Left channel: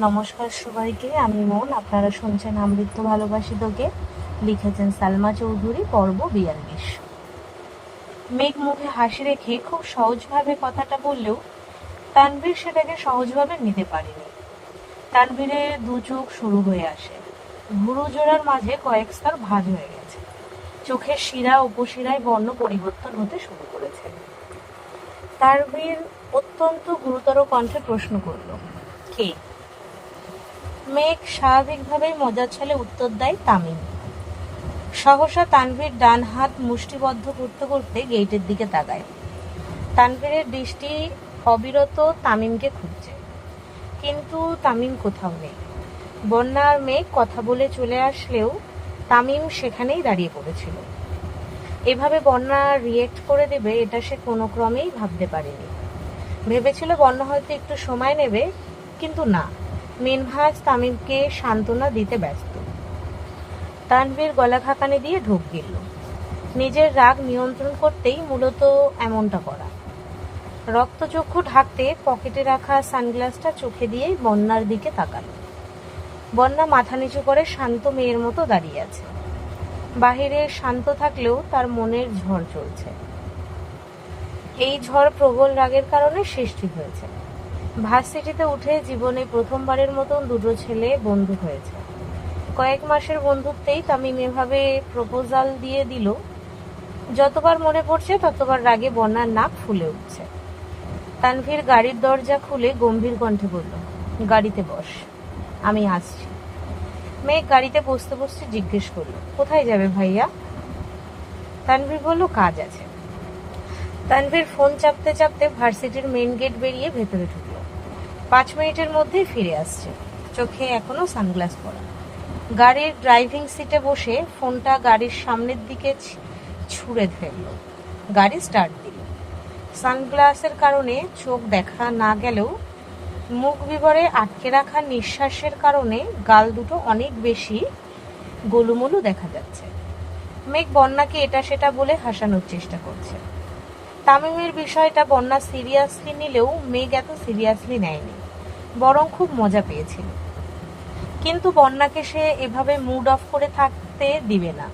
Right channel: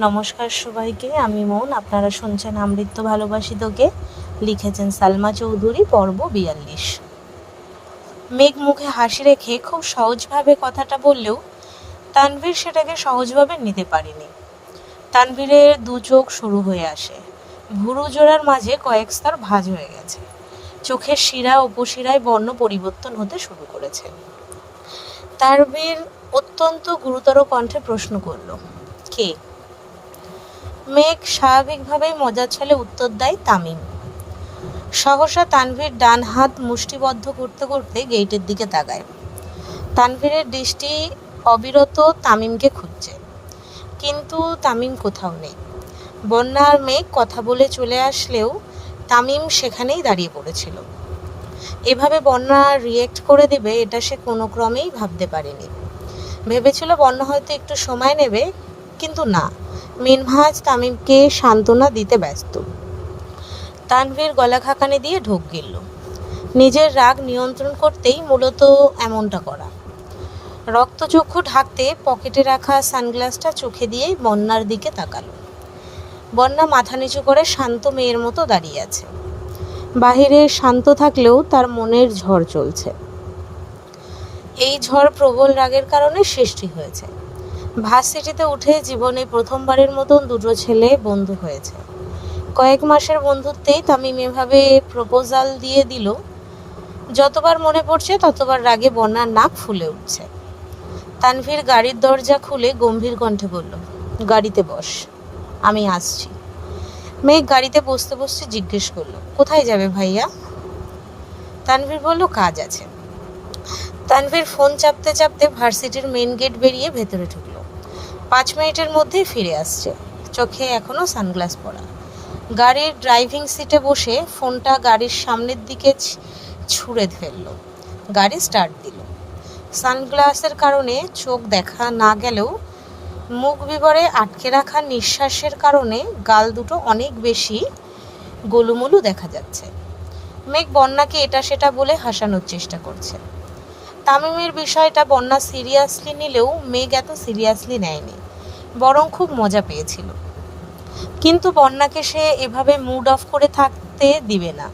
নমস্কার সবাইকে, আমি মন। আপনারা শুনছেন আমৃত্য ভালোবাসি তোকে। লিখেছেন সালমা চৌধুরী। পর্ব 42। মেঘ মুখে হাসি রেখে খুব সহজভাবে কথাটা বললেও তানভীর সেটাকে সহজভাবে নিতে পারেনি। তানভীরের দু চোখ শুরু হয়ে আসে, ভুরু জোড়ার মাঝে কয়েক স্তর ভাঁজ হয়ে গেছে, চোখের শিরা উপশিরায় বর্ণ পরিবর্তন হতে শুরু করেছে। তানভীর অত্যন্ত গুরুতর কণ্ঠে প্রশ্ন করল, কে? মেঘ স্বাভাবিকভাবেই মজার ছলে উত্তর দেয়, তামিম। সহসা তানভীর ডান হাত মুষ্টিবদ্ধ করতে করতে গেটের দিকে তাকায়। তানভীরের দৃষ্টি অবিরত তামিমকে খুঁজছে, কিন্তু তামিম কোথাও নেই। বন্যা আর মেঘ কথা বলে চলে আসলেও তামিম সেখানেই দাঁড়িয়ে পড়েছিল। এভাবে বন্যা রিয়েক্ট করে দেবে এটা সে কোনো ক্রমেই ভাবতে পারেনি। ভেবেছিল বন্যা হয়তো একটু সময় নেবে, কিন্তু না, মিনহাজ তামিমকে সান্ত্বনা দিতে ব্যস্ত। তানভীর গলা খাকানি দিয়ে ঢোক গিলল। নিজের রাগ নিয়ন্ত্রণ করতেই মূলত এমনটা করা। রক্তচক্ষু ঢাকতে পকেটে রাখা সানগ্লাসটা চোখে দিয়েই বন্যার দিকে তাকাল। বন্যা মাথা নিচু করে শান্ত মেয়ের মতো দাঁড়িয়ে আছে। বাহিরে শান্ত থাকলেও তার মনের ঝড় চলছে। এই ঝড় প্রবল রাগের কারণে সৃষ্টি হয়েছে। ভার্সিটিতে উঠে জীবনে প্রথমবারের মতন দুটো ছেলে বন্ধু হয়েছে। কয়েক মাসের বন্ধুত্বেই তামিম এভাবে প্রপোজাল দিয়ে দিল। যতবার মনে পড়ছে ততবার রাগে বন্যার নাক ফুলে উঠছে। তানভীর গাড়ির দরজা খুলে গম্ভীর কণ্ঠে বলল, গাড়িতে বস, আমি আসছি। মেঘ গাড়িতে বসতে বসতে জিজ্ঞেস করল, কোথায় যাবে ভাইয়া? তানভীর বলল, কাজ আছে। তানভীর ফোন চাপতে চাপতে ভার্সিটির মেন গেট বেরিয়ে ভেতরে ঢুকল। 5 মিনিটের মধ্যেই ফিরে আসছে। চোখে এখনো সানগ্লাস পরা। গাড়ির ড্রাইভিং সিটে বসে ফোনটা গাড়ির সামনের দিকে ছুঁড়ে ফেলল। গাড়ি স্টার্ট দিল। সানগ্লাসের কারণে চোখ দেখা না গেলেও মুখ বিবরে আটকে রাখা নিঃশ্বাসের কারণে গাল দুটো অনেক বেশি গোলুমোলু দেখা যাচ্ছে। মেঘ বন্যাকে এটা সেটা বলে হাসানোর চেষ্টা করছে। তামিমের বিষয়টা বন্যা সিরিয়াসলি নিলেও মেঘ এত সিরিয়াসলি নেয়নি, বরং খুব মজা পেয়েছিল। কিন্তু বন্যাকে সে এভাবে মুড অফ করে থাকতে দিবে না।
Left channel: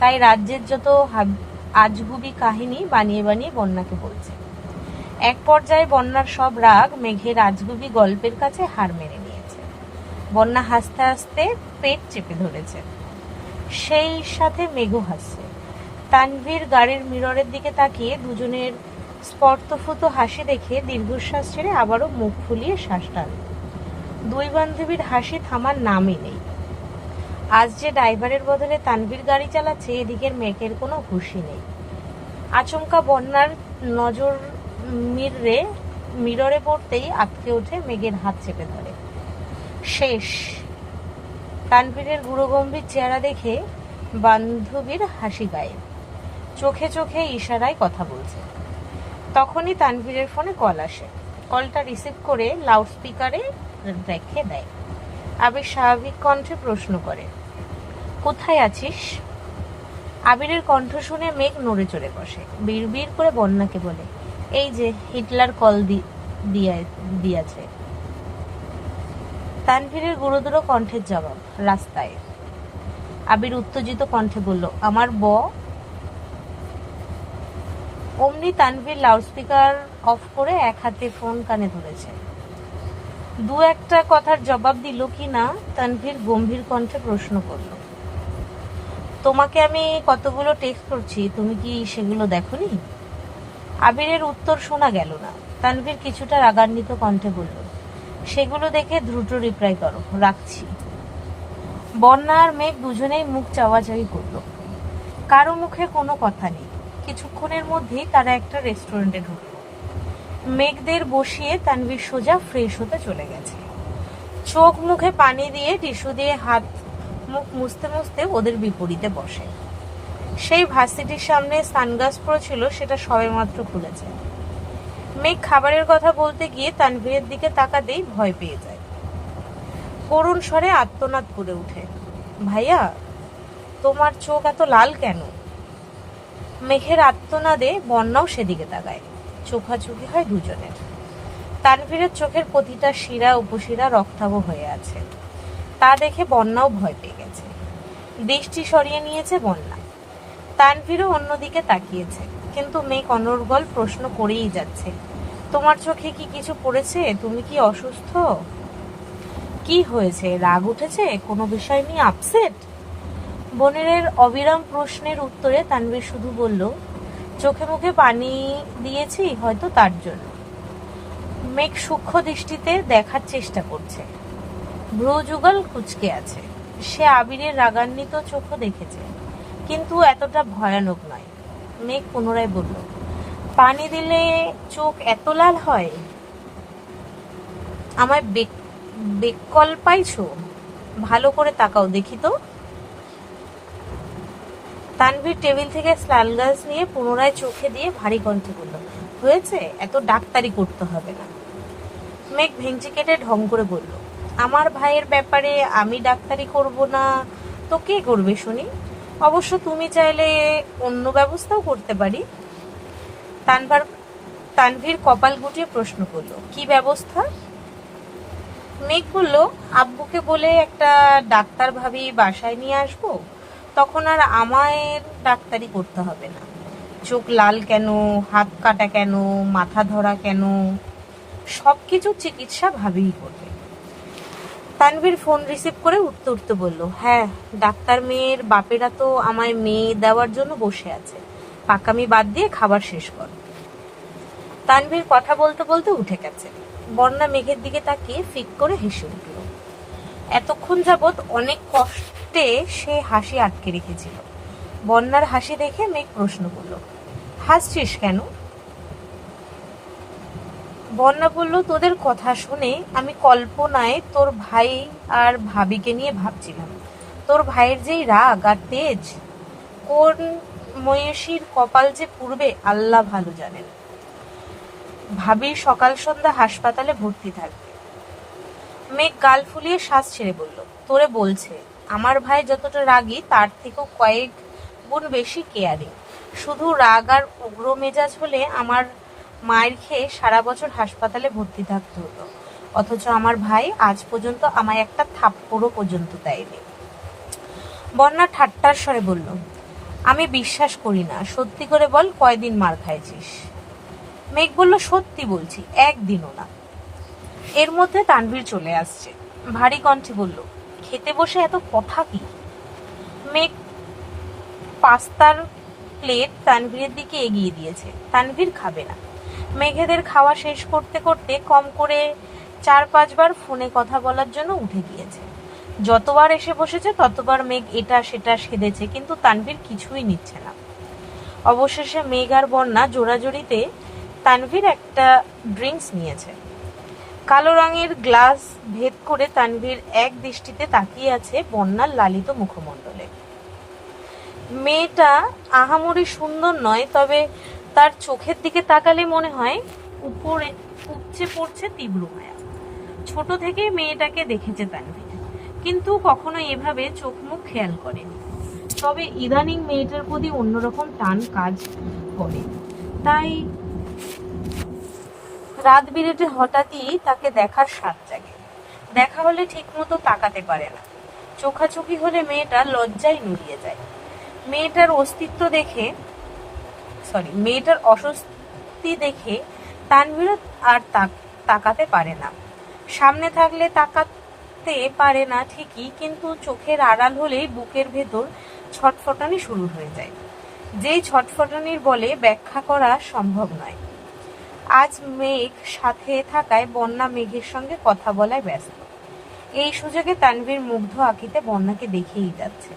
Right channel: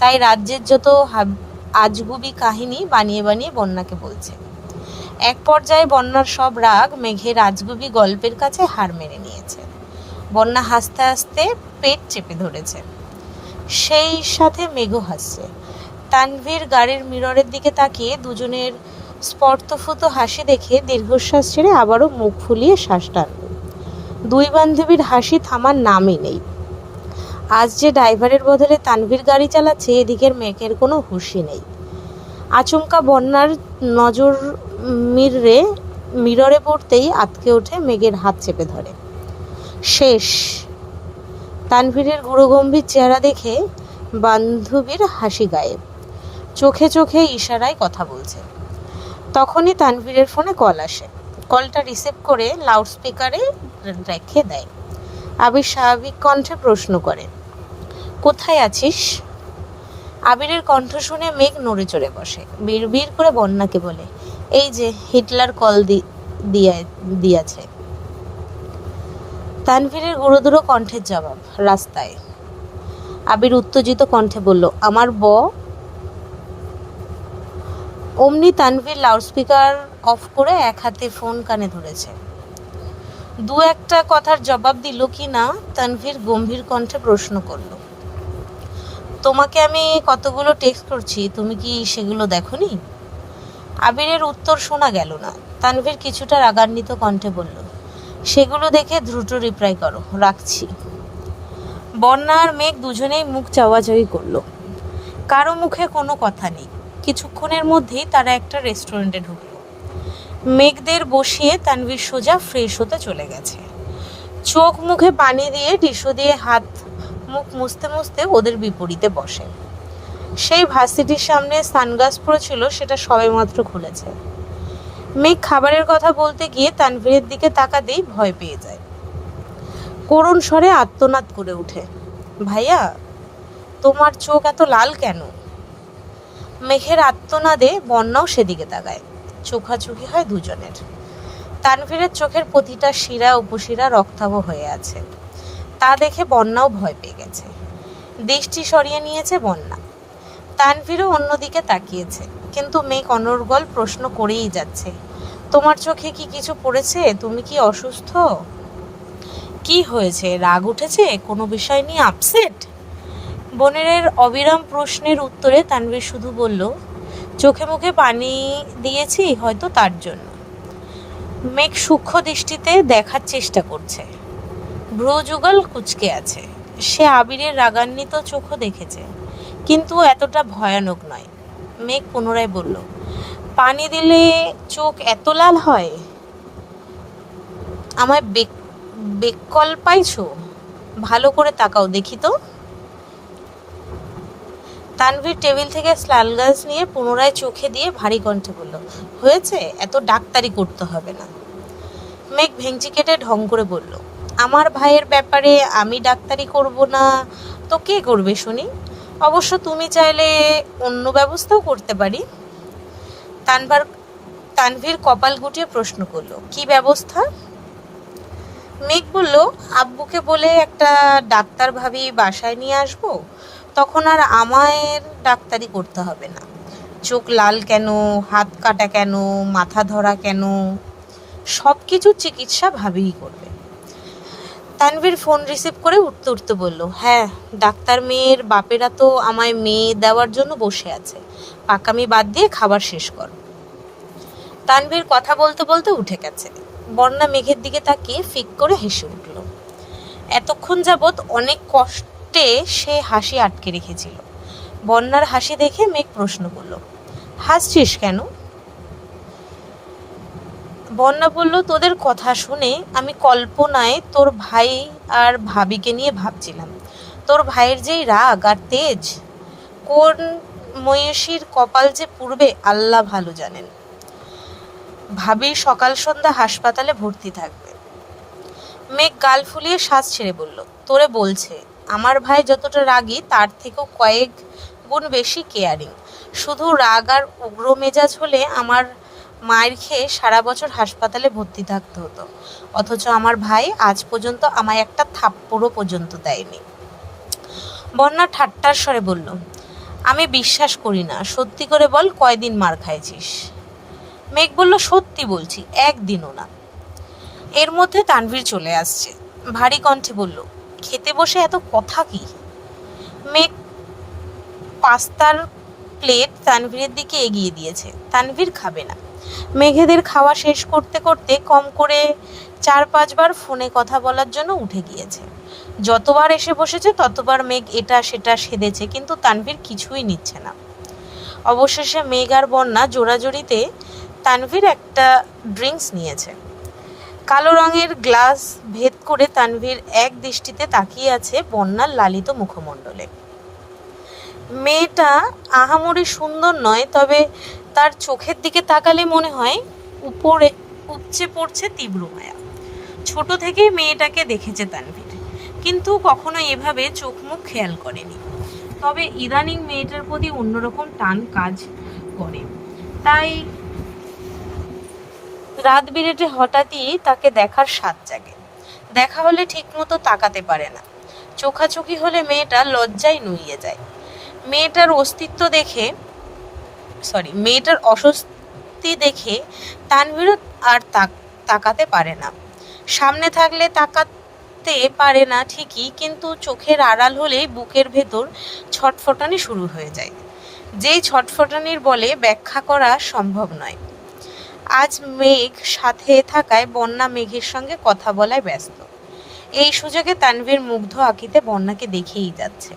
তাই রাজ্যের যত আজগুবি কাহিনী বানিয়ে বানিয়ে বন্যাকে বলছে। এক পর্যায়ে বন্যার সব রাগ মেঘের আজগুবি গল্পের কাছে হার মেনে নিয়েছে। বন্যা হাসতে হাসতে পেট চেপে ধরেছে, সেই সাথে মেঘও হাসছে। তানভীর গাড়ির মিররের দিকে তাকিয়ে দুজনের স্পর্শফুত হাসি দেখে দীর্ঘশ্বাস ছেড়ে আবারও মুখ ফুলিয়ে শ্বাস টানল। দুই বান্ধবীর হাসি থামার নামই নেই। আজ যে ড্রাইভারের বদলে তানভীর গাড়ি চালাচ্ছে, এদিকের মেঘের কোনো হুঁশই নেই। আচমকা বন্যার নজর মিররে পড়তেই আঁতকে ওঠে, মেঘের হাত চেপে ধরে। শেষ। তানভীরের গুরুগম্ভীর চেহারা দেখে বান্ধবীর হাসি গায়েব। চোখে চোখে ইশারায় কথা বলছে। তখনই তানভীরের ফোনে কল আসে। কলটা রিসিভ করে লাউডস্পিকারে রেখে দেয়। আবির স্বাভাবিক কণ্ঠে প্রশ্ন করে, কোথায় আছিস? আবিরের কণ্ঠ শুনে মেঘ নড়ে চড়ে বসে। বিড়বিড় করে বন্যাকে বলে, এই যে হিটলার কল দিয়েছে। তানভীরের গুরুদুরো কণ্ঠের জবাব, রাস্তায়। আবির উত্তেজিত কণ্ঠে বলল, আমার অমনি তানভীর লাউডস্পিকার অফ করে এক হাতে ফোন কানে ধরেছে। দু একটা কথার জবাব দিল কি না তানভীর গম্ভীর কণ্ঠে প্রশ্ন করল, তোমাকে আমি কতগুলো টেক্সট করছি, তুমি কি সেগুলো দেখোনি? আবিরের উত্তর শোনা গেল না। তানভীর কিছুটা রাগান্বিত কণ্ঠে বলল, সেগুলো দেখে দ্রুত রিপ্লাই করো, রাখছি। বন্যা আর মেঘ দুজনেই মুখ চাওয়াচাওয়ি করলো। কারো মুখে কোনো কথা নেই। কিছুক্ষণের মধ্যেই তারা একটা রেস্টুরেন্টে ঢুকল। মেঘদের বসিয়ে তানভীর সোজা ফ্রেশ হতে চলে গেছে। চোখ মুখে পানি দিয়ে টিস্যু দিয়ে হাত মুখ মুছতে মুছতে ওদের বিপরীতে বসে। সেই ভার্সিটির সামনে সানগ্লাস পড়েছিল, সেটা সবেমাত্র খুলেছে। মেঘ খাবারের কথা বলতে গিয়ে তানভীরের দিকে তাকাতেই ভয় পেয়ে যায়। করুণ স্বরে আর্তনাদ করে ওঠে, ভাইয়া তোমার চোখ এত লাল কেন? মেঘের আর্তনাদে বন্যাও সেদিকে তাকায়। চোখাচোখি হয় দুজনের। তানভীরের চোখের প্রতিটা শিরা উপশিরা রক্তাভ হয়ে আছে। তা দেখে বন্যাও ভয় পেয়ে গেছে। দৃষ্টি সরিয়ে নিয়েছে বন্যা। তানভীরও অন্যদিকে তাকিয়েছে, কিন্তু মেঘ অনর্গল প্রশ্ন করেই যাচ্ছে, তোমার চোখে কি কিছু পড়েছে? তুমি কি অসুস্থ? কি হয়েছে? রাগ উঠেছে? কোনো বিষয় নিয়ে আপসেট? বনের অবিরাম প্রশ্নের উত্তরে তানভীর শুধু বলল, চোখে মুখে পানি দিয়েছি, হয়তো তার জন্য। মেঘ সূক্ষ্ম দৃষ্টিতে দেখার চেষ্টা করছে। ভ্রু যুগল কুঁচকে আছে। সে আবিরের রাগান্বিত চোখও দেখেছে, কিন্তু এতটা ভয়ানক নয়। মেঘ পুনরায় বলল, পানি দিলে চোখ এত লাল হয়? আমায় বেকল পাইছো? ভালো করে তাকাও দেখি তো। তানভীর টেবিল থেকে স্লাল গ্লাস নিয়ে পুনরায় চোখে দিয়ে ভারী কণ্ঠে বলল, হয়েছে, এত ডাক্তারি করতে হবে না। মেঘ ভেঙচি কেটে ঢং করে বলল, আমার ভাইয়ের ব্যাপারে আমি ডাক্তারি করব না তো কে করবে শুনি? অবশ্য তুমি চাইলে অন্য ব্যবস্থাও করতে পারি। তানভীর কপাল গুটিয়ে প্রশ্ন করল, কি ব্যবস্থা? মেঘ বলল, আব্বুকে বলে একটা ডাক্তার ভাবি বাসায় নিয়ে আসবো, তখন আর আমায় ডাক্তারি করতে হবে না। চোখ লাল কেন, হাত কাটা কেন, মাথা ধরা কেন, সব কিছুর চিকিৎসা ভাবিই করবে। তানভীর ফোন রিসিভ করে উঠতে উঠতে বলল, হ্যাঁ, ডাক্তার মেয়ের বাপেরা তো আমায় মেয়ে দেওয়ার জন্য বসে আছে। পাকামি বাদ দিয়ে খাবার শেষ কর। তানভীর কথা বলতে বলতে উঠে গেছে। বন্যা মেঘের দিকে তাকিয়ে ফিক করে হেসে উঠল। এতক্ষণ যাবৎ অনেক কষ্টে সে হাসি আটকে রেখেছিল। বন্যার হাসি দেখে মেঘ প্রশ্ন করল, হাসছিস কেন? বন্যা বলল, তোদের কথা শুনে আমি কল্পনায় তোর ভাই আর ভাবিকে নিয়ে ভাবছিলাম। তোর ভাইয়ের যেই রাগ আর তেজ, কোন ময়ূষীর কপাল যে পুড়বে আল্লাহ ভালো জানেন। ভাবির সকাল সন্ধ্যা হাসপাতালে ভর্তি থাকবে। মেঘ গাল ফুলিয়ে শ্বাস ছেড়ে বলল, তোরে বলছে, আমার ভাই যতটা রাগী তার থেকেও কয়েক গুণ বেশি কেয়ারিং। শুধু রাগ আর উগ্র মেজাজ হলে আমার মায়ের খেয়ে সারা বছর হাসপাতালে ভর্তি থাকতে হতো, অথচ আমার ভাই আজ পর্যন্ত আমায় একটা থাপ্পড়ও পর্যন্ত দেয়নি। বন্যা ঠাট্টার স্বরে বলল, আমি বিশ্বাস করি না, সত্যি করে বল, কয়দিন মার খাইছিস? মেঘ বলল, সত্যি বলছি, একদিনও না। এর মধ্যে তানভীর চলে আসছে। ভারী কণ্ঠে বলল, খেতে বসে এত কথা কি? মেঘ পাস্তার প্লেট তানভীরের দিকে এগিয়ে দিয়েছে। তানভীর খাবে না। মেঘেদের খাওয়া শেষ করতে করতে কম করে 4-5 বার ফোনে কথা বলার জন্য উঠে গিয়েছে। যতবার এসে বসেছে ততবার মেঘ এটা সেটা সেধেছে, কিন্তু তানভীর কিছুই নিচ্ছে না। অবশেষে মেঘ আর বন্যা জোড়াজোড়িতে তানভীর একটা ড্রিঙ্কস নিয়েছে। কালো রঙের গ্লাস ভেদ করে তানভীর এক দৃষ্টিতে তাকিয়ে আছে বন্যার লালিত মুখমণ্ডলে। মেয়েটা আহামরি সুন্দর নয়, তবে তার চোখের দিকে তাকালে মনে হয় উপরে উপচে পড়ছে তীব্র মায়া। ছোট থেকেই মেয়েটাকে দেখেছে তানভীর, কিন্তু কখনো এভাবে চোখ মুখ খেয়াল করেনি। তবে ইদানিং মেয়েটার প্রতি অন্যরকম টান কাজ করে। তাই রাত বিরেতে হঠাৎই তাকে দেখার স্বাদ জাগে। দেখা হলে ঠিক মতো তাকাতে পারে না। চোখাচোখি হলে মেয়েটা লজ্জায় নুইয়ে যায়। মেয়েটার অস্বস্তি দেখে তানভীরও আর তাকাতে পারে না। সামনে থাকলে তাকাতে পারে না ঠিকই, কিন্তু চোখের আড়াল হলেই বুকের ভেতর ছটফটানি শুরু হয়ে যায়, যেই ছটফটানির বলে ব্যাখ্যা করা সম্ভব নয়। আজ মেঘ সাথে থাকায় বন্যা মেঘের সঙ্গে কথা বলায় ব্যস্ত। এই সুযোগে তানভীর মুগ্ধ আঁকিতে বন্যাকে দেখেই যাচ্ছে।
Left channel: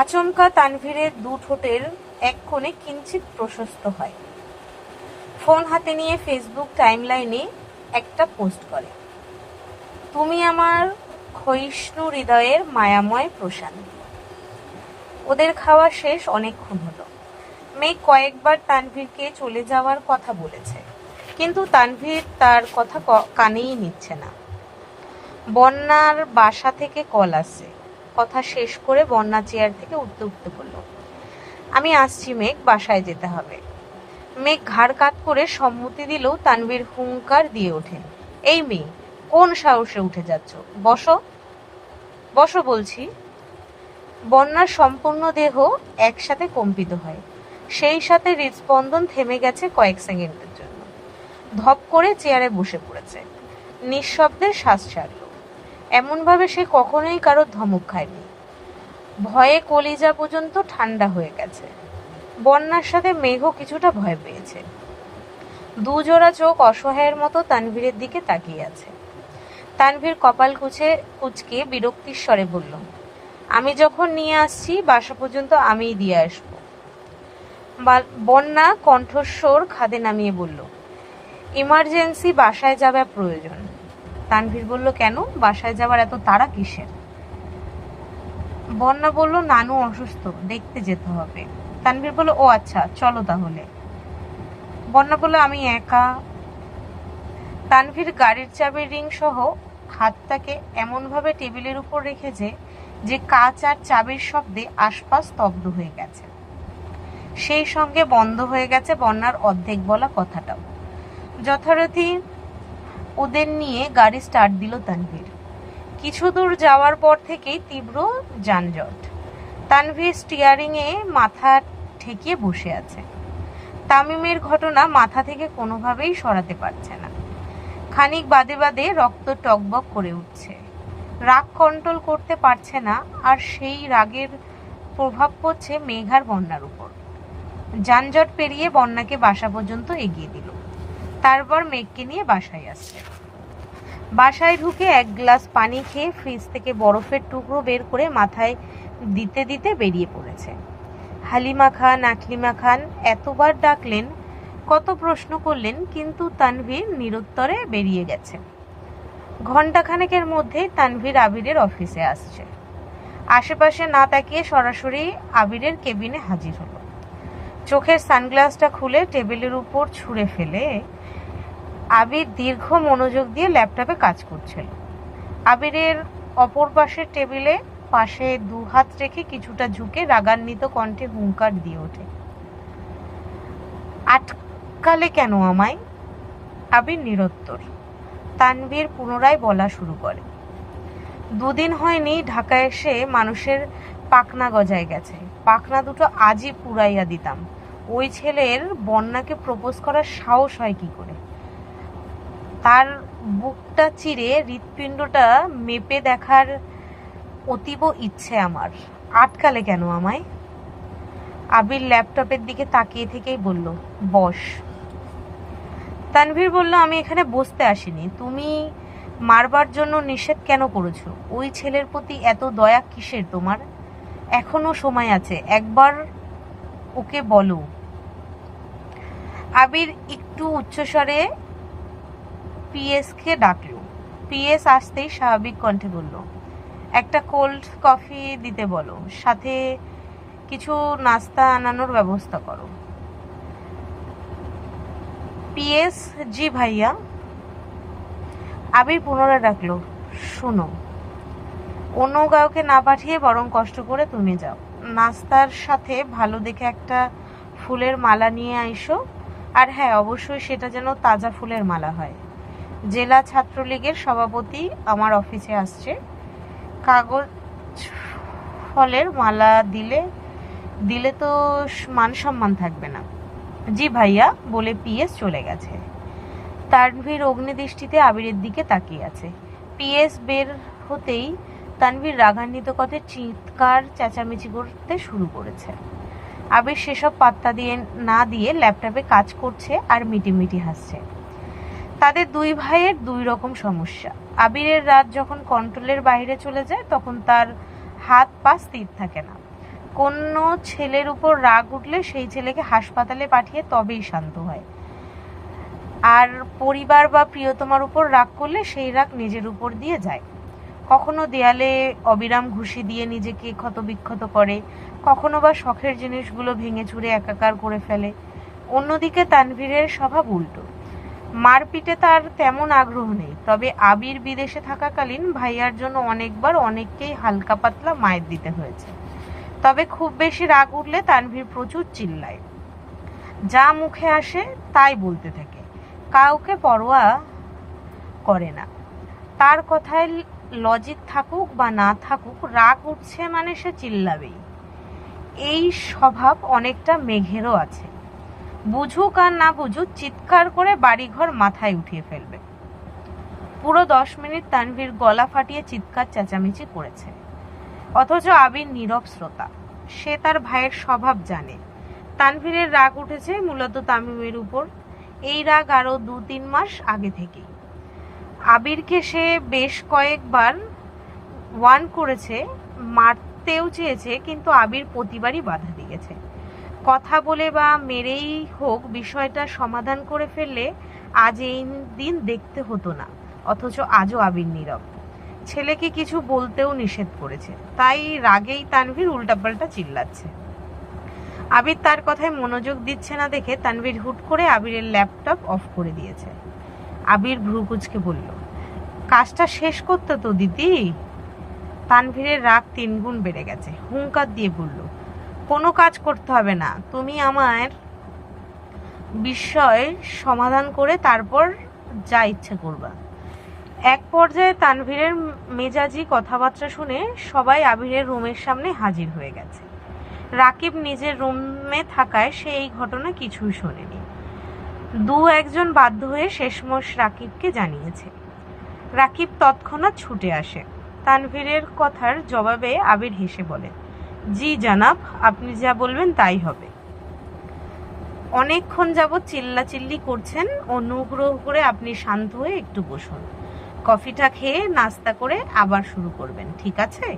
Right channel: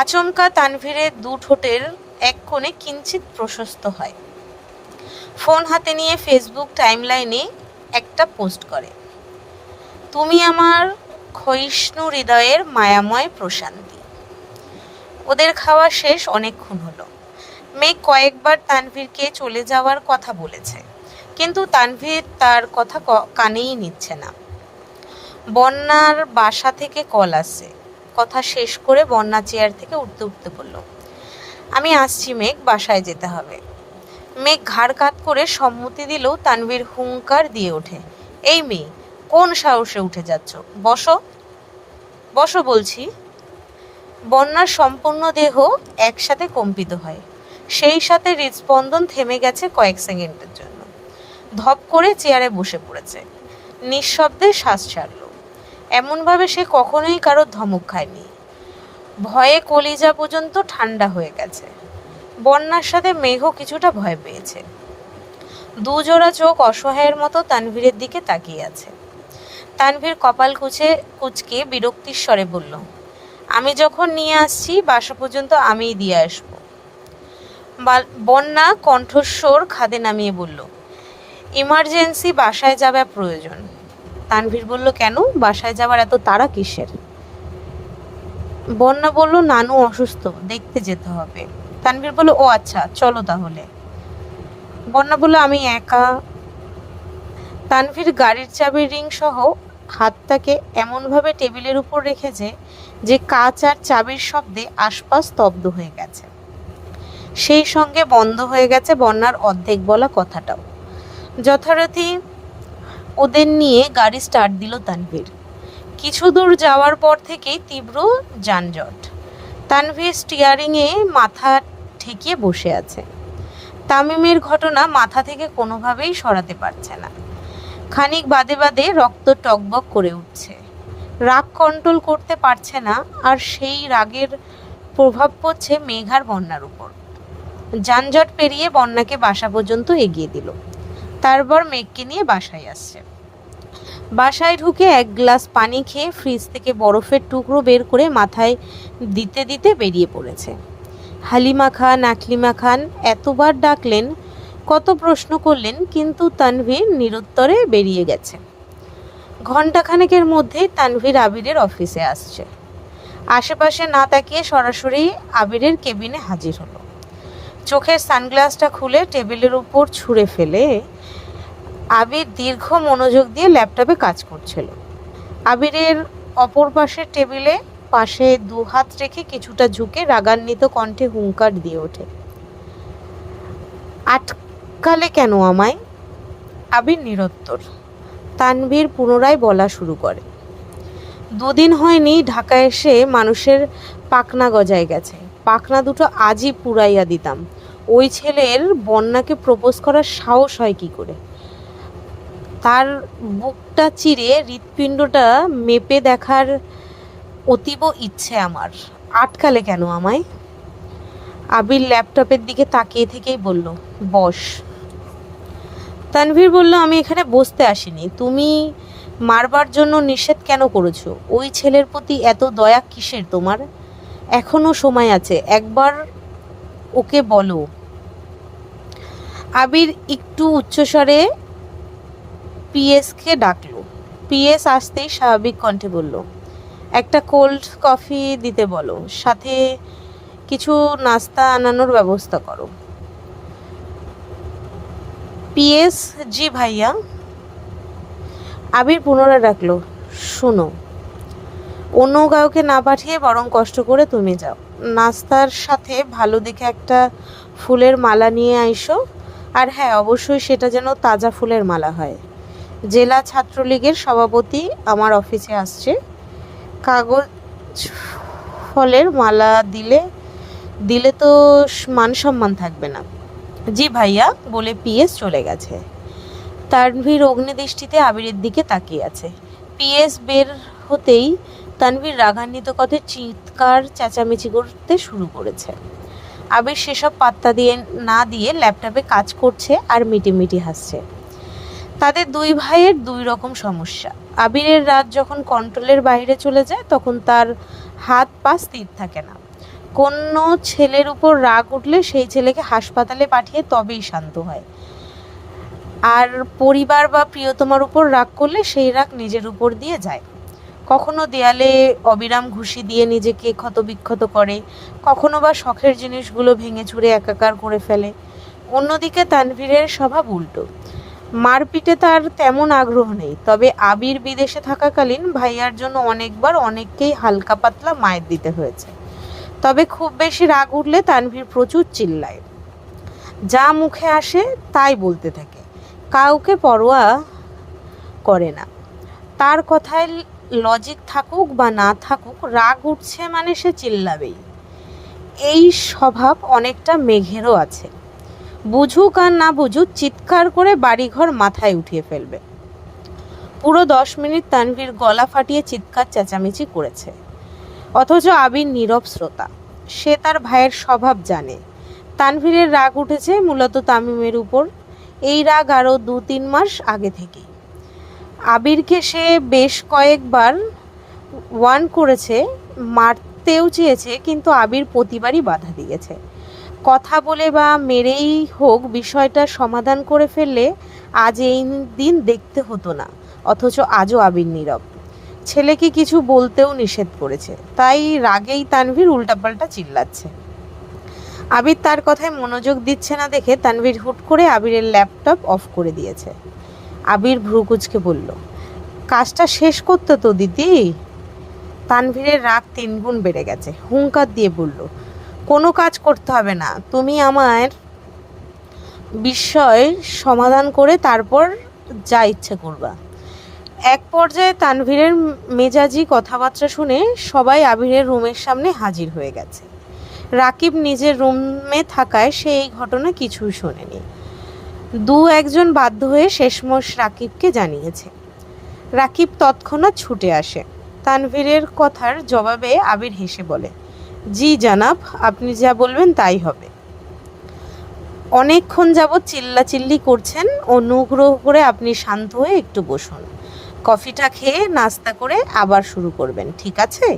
আচমকা তানভীরের দু ঠোঁটের এক কোণে কিঞ্চিত প্রশস্ত হয়। ফোন হাতে নিয়ে ফেসবুক টাইমলাইনে একটা পোস্ট করে, তুমি আমার ক্ষয়িষ্ণু হৃদয়ের মায়াময় প্রশান্তি। ওদের খাওয়া শেষ অনেকক্ষণ হলো। মেঘ কয়েকবার তানভীরকে চলে যাওয়ার কথা বলেছে, কিন্তু তানভীর তার কথা কানেই নিচ্ছে না। বন্যার বাসা থেকে কল আসছে। কথা শেষ করে বন্যা চেয়ার থেকে উঠতে উঠতে বলল, আমি আসছি মেঘ, বাসায় যেতে হবে। মেঘ ঘাড় কাত করে সম্মতি দিলেও তানভীর হুঙ্কার দিয়ে ওঠে, এই মেয়ে, কোন সাহসে উঠে যাচ্ছ? বসো, বসো বলছি। বন্যার সম্পূর্ণ দেহ একসাথে কম্পিত হয়, সেই সাথে হৃদস্পন্দন থেমে গেছে কয়েক সেকেন্ডের জন্য। ধপ করে চেয়ারে বসে পড়েছে, নিঃশব্দে শ্বাস ছাড়ল। এমনভাবে সে কখনোই কারোর ধমক খায়নি। ভয়ে কলিজা পর্যন্ত ঠান্ডা হয়ে গেছে। বন্যার সাথে মেঘও কিছুটা ভয় পেয়েছে। দুজোড়া চোখ অসহায়ের মতো তানভীরের দিকে তাকিয়ে আছে। তানভীর কপাল কুচকে বিরক্তির স্বরে বলল, আমি যখন নিয়ে আসছি বাসা পর্যন্ত আমিই দিয়ে আসবো। বন্যা কণ্ঠস্বর খাদে নামিয়ে বলল, ইমার্জেন্সি, বাসায় যাওয়া প্রয়োজন। তানভীর বলল, কেন? বাসায় যাওয়ার এত তাড়া কিসের? বন্যা বলল, নানু অসুস্থ, দেখতে যেতে হবে। তানভীর বলল, ও আচ্ছা, চলো তাহলে। বন্যা বলল, আমি একা। তানভীর গাড়ির চাবির রিং সহ হাতটাকে এমনভাবে টেবিলের উপর রেখেছে যে কাঁচ আর চাবির শব্দে আশপাশ স্তব্ধ হয়ে গেছে। সেই সঙ্গে বন্ধ হয়ে গেছে বন্যার অর্ধেক বলা কথাটাও। যথারীতি ওদের নিয়ে গাড়ি স্টার্ট দিল তানভীর। কিছু দূর যাওয়ার পর থেকেই তীব্র যানজট। তানভীর স্টিয়ারিংয়ে মাথা ঠেকিয়ে বসে আছে। তামিমের ঘটনা মাথা থেকে কোনোভাবেই সরাতে পারছে না। খানিক বাদে বাদে রক্ত টকবক করে উঠছে। রাগ কন্ট্রোল করতে পারছে না, আর সেই রাগের প্রভাব পড়ছে মেঘার বন্যার উপর। যানজট পেরিয়ে বন্যাকে বাসা পর্যন্ত এগিয়ে দিল। তারপর মেঘকে নিয়ে বাসায় আসছে। বাসায় ঢুকে এক গ্লাস পানি খেয়ে ফ্রিজ থেকে বরফের টুকরো বের করে মাথায় দিতে দিতে বেরিয়ে পড়েছে। হালিমা খান, আকলিমা খান এতবার ডাকলেন, কত প্রশ্ন করলেন, কিন্তু তানভীর নিরুত্তরে বেরিয়ে গেছে। ঘণ্টাখানেকের মধ্যেই তানভীর আবিরের অফিসে আসছে। আশেপাশে না তাকিয়ে সরাসরি আবিরের কেবিনে হাজির হলো। চোখের সানগ্লাসটা খুলে টেবিলের উপর ছুঁড়ে ফেলে আবির দীর্ঘ মনোযোগ দিয়ে ল্যাপটপে কাজ করছিল। আবিরের অপর পাশের টেবিলে পাশে দু হাত রেখে কিছুটা ঝুঁকে রাগান্বিত কণ্ঠে হুঙ্কার দিয়ে ওঠে, আটকালে কেন আমায়? আবির নিরুত্তর। তানভীর পুনরায় বলা শুরু করে, দুদিন হয়নি ঢাকায় এসে মানুষের পাখনা গজায় গেছে, পাখনা দুটো আজই পুরাইয়া দিতাম। ওই ছেলের বন্যাকে প্রপোজ করার সাহস হয় কি করে? তার বুকটা চিরে হৃৎপিণ্ডটা মেপে দেখার অতীব ইচ্ছে আমার। আটকালে কেন আমায়? আবির ল্যাপটপের দিকে তাকিয়ে থেকেই বলল, বস। তানভীর বলল, আমি এখানে বসতে আসিনি। তুমি মারবার জন্য নিষেধ কেন করেছো? ওই ছেলের প্রতি এত দয়া কিসের তোমার? এখনো সময় আছে, একবার ওকে বলো। আবির একটু উচ্চস্বরে পিএসকে ডাকলো। পিএস আসতেই স্বাভাবিক কণ্ঠে বলল, একটা কোল্ড কফি দিতে বলো, সাথে কিছু নাস্তা আনানোর ব্যবস্থা করো। পিএস, জি ভাইয়া। আবির পুনরায় ডাকলো, শোনো, অন্য কাউকে না পাঠিয়ে বরং কষ্ট করে তুমি যাও। নাস্তার সাথে ভালো দেখে একটা ফুলের মালা নিয়ে আইসো, আর হ্যাঁ, অবশ্যই সেটা যেন তাজা ফুলের মালা হয়। জেলা ছাত্রলীগের সভাপতি আমার অফিসে আসছে, কাগজ ফলের মালা দিলে তো মান সম্মান থাকবে না। জি ভাইয়া বলে পিএস চলে গেছে। তানভীর অগ্নিদৃষ্টিতে আবিরের দিকে তাকিয়ে আছে। পিএস বের হতেই তানভীর রাগান্বিত কথায় চিৎকার চেঁচামেচি করতে শুরু করেছে। আবির সেসব পাত্তা না দিয়ে ল্যাপটপে কাজ করছে আর মিটিমিটি হাসছে। তাদের দুই ভাইয়ের দুই রকম সমস্যা। আবিরের রাত যখন কন্ট্রোলের বাইরে চলে যায় তখন তার হাত পা স্থির থাকে না। কোনো ছেলের উপর রাগ উঠলে সেই ছেলেকে হাসপাতালে পাঠিয়ে তবেই শান্ত হয়, আর পরিবার বা প্রিয়তমার উপর রাগ করলে সেই রাগ নিজের উপর দিয়ে যায়। কখনো দেয়ালে অবিরাম ঘুষি দিয়ে নিজেকে ক্ষতবিক্ষত করে, কখনো বা শখের জিনিসগুলো ভেঙে চুরে একাকার করে ফেলে। অন্যদিকে তানভীরের স্বভাব উল্টো। মারপিটে তার তেমন আগ্রহ নেই, তবে আবির বিদেশে থাকাকালীন ভাইয়ার জন্য অনেকবার অনেককেই হালকা পাতলা মায়ের দিতে হয়েছে। তবে খুব বেশি রাগ উঠলে তানভীর প্রচুর চিল্লায়। যা মুখে আসে তাই বলতে থাকে, কাউকে পরোয়া করে না। তার কথায় লজিক থাকুক বা না থাকুক, রাগ উঠছে মানে সে চিল্লাবেই। এই স্বভাব অনেকটা মেঘেরও আছে, বুঝুক আর না বুঝুক চিৎকার করে বাড়িঘর মাথায় উঠিয়ে ফেলবে। পুরো 10 মিনিট তানভীর গলা ফাটিয়ে চিৎকার চেঁচামেচি করেছে, অথচ আবির নীরব শ্রোতা। সে তার ভাইয়ের স্বভাব জানে। তানভীরের রাগ উঠেছে মূলত তামিমের উপর। এই রাগ আরও 2-3 মাস আগে থেকেই। আবিরকে সে বেশ কয়েকবার ওয়ার্ন করেছে, মারতেও চেয়েছে, কিন্তু আবির প্রতিবারই বাধা দিয়েছে। কথা বলে বা মেরেই হোক বিষয়টা সমাধান করে ফেললে আজ এই দিন দেখতে হতো না, অথচ আজও আবির নীরব। ছেলেকে কিছু বলতেও নিষেধ করেছে, তাই রাগেই তানভীর উল্টাপাল্টা চিল্লাচ্ছে। আবির তার কথায় মনোযোগ দিচ্ছে না দেখে তানভীর হুট করে আবিরের ল্যাপটপ অফ করে দিয়েছে। আবির ভ্রু কুঁচকে বলল, কাজটা শেষ করতে তো দিদি। তানভীরের রাগ 3 গুণ বেড়ে গেছে, হুঙ্কার দিয়ে বলল, কোনো কাজ করতে হবে না, তুমি আমার বিষয় সমাধান করে তারপর যা ইচ্ছে করবা। এক পর্যায়ে তানভীরের মেজাজি কথাবার্তা শুনে সবাই আবিরের রুমের সামনে হাজির হয়ে গেছে। রাকিব নিজের রুমে থাকায় সে এই ঘটনা কিছুই শোনেনি। 2-1 বাধ্য হয়ে শেষমেশ রাকিবকে জানিয়েছে। রাকিব তৎক্ষণাৎ ছুটে আসে। তানভীরের কথার জবাবে আবির হেসে বলে, জি জানাব, আপনি যা বলবেন তাই হবে। অনেকক্ষণ যাবৎ চিল্লাচিল্লি করছেন, অনুগ্রহ করে আপনি শান্ত হয়ে একটু বসুন। কফিটা খেয়ে নাস্তা করে আবার শুরু করবেন, ঠিক আছে?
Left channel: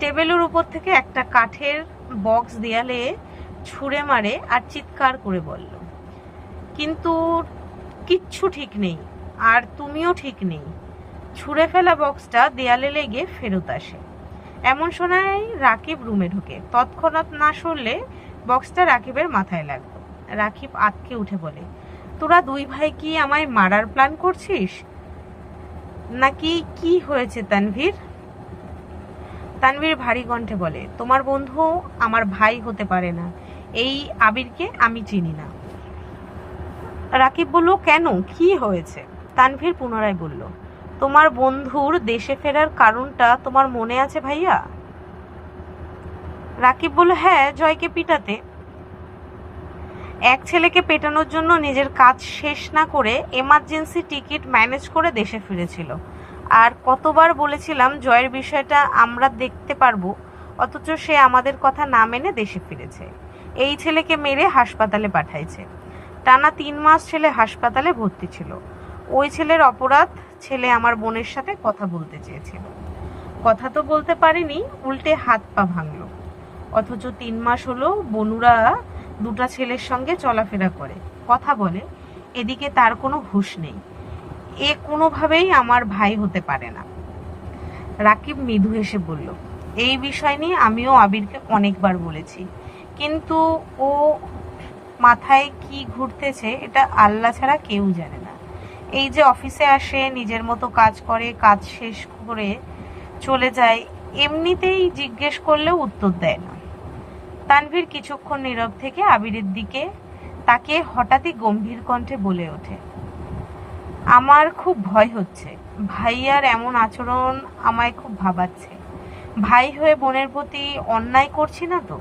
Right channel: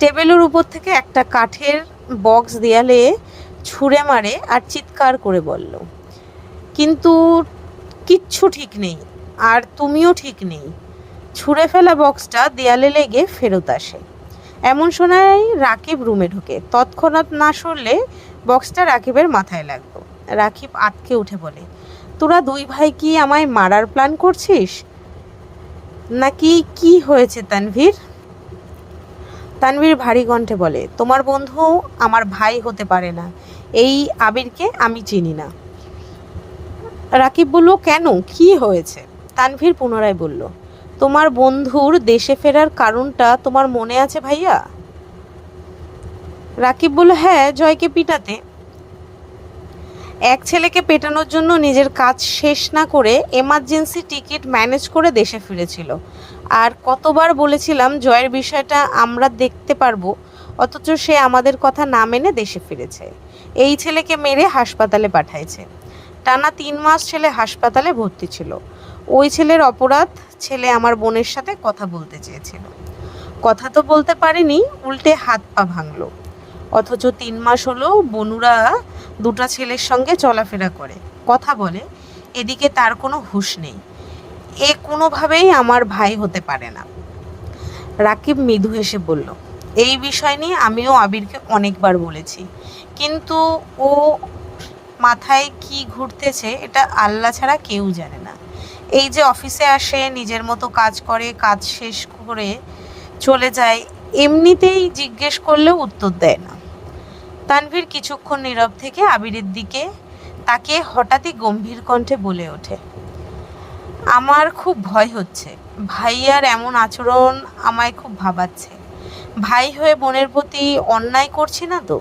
টেবিলের উপর থেকে একটা কাঠের বক্স দেয়ালে ছুঁড়ে মারে আর চিৎকার করে বলল, কিন্তু কিচ্ছু ঠিক নেই, আর তুমিও ঠিক নেই। ছুঁড়ে ফেলা বক্সটা দেয়ালে লেগে ফেরত আসে। এমন শোনায় রাকিব রুমে ঢোকে। তৎক্ষণাৎ না সরলে বক্সটা রাকিবের মাথায় লাগলো। রাকিব আঁতকে উঠে বলে, তোরা 2 ভাই কি আমায় মারার প্ল্যান করছিস নাকি? কি হয়েছে তানভীর? তানভীর ভারী কণ্ঠে বলে, তোমার বন্ধু আমার ভাই হতে পারে না, এই আবিরকে আমি চিনি না। রাকিব বলল, কেন, কি হয়েছে? তানভীর পুনরায় বলল, তোমার বন্ধুর দেশে ফেরার কারণটা তোমার মনে আছে ভাইয়া? রাকিব বলল, হ্যাঁ, জয়কে পিটাতে। এক ছেলেকে পেটানোর জন্য নিজের কাজ শেষ না করে এমার্জেন্সি টিকিট ম্যানেজ করে দেশে ফিরেছিল। আর কতবার বলেছিলাম জয়ের বিষয়টা আমরা দেখতে পারবো, অথচ সে আমাদের কথা না মেনে দেশে ফিরেছে। এই ছেলেকে মেরে হাসপাতালে পাঠাইছে। টানা 3 মাস ছেলে হাসপাতালে ভর্তি ছিল। ওই ছেলের অপরাধ, ছেলে আমার বোনের সাথে কথা বলতে চেয়েছিল। কথা তো বলতে পারেনি, উল্টে হাত পা ভাঙলো। অথচ 3 মাস হলো বনুরা 2টা ছেলের সঙ্গে চলাফেরা করে, কথা বলে, এদিকে তার কোনো হুঁশ নেই। এ কোনোভাবেই আমার ভাই হতে পারে না। রাকিব মৃদু হেসে বলল, এই বিষয় নিয়ে আমিও আবিরকে অনেকবার বলেছি, কিন্তু ও মাথায় কি ঘুরতেছে এটা আল্লাহ ছাড়া কেউ জানে না। এই যে অফিসে আসে, নিজের মতো কাজ করে, কাজ শেষ করে চলে যায়, এমনিতেই জিজ্ঞেস করলেও উত্তর দেয় না। তানভীর কিছুক্ষণ নীরব থেকে আবিরের দিকে তাকে হঠাৎই গম্ভীর কণ্ঠে বলে ওঠে, আমার খুব ভয় হচ্ছে। ভাইয়ার এমন আচরণ আমায় খুব ভাবাচ্ছে। ভাই হয়ে বোনের প্রতি অন্যায় করছি না তো?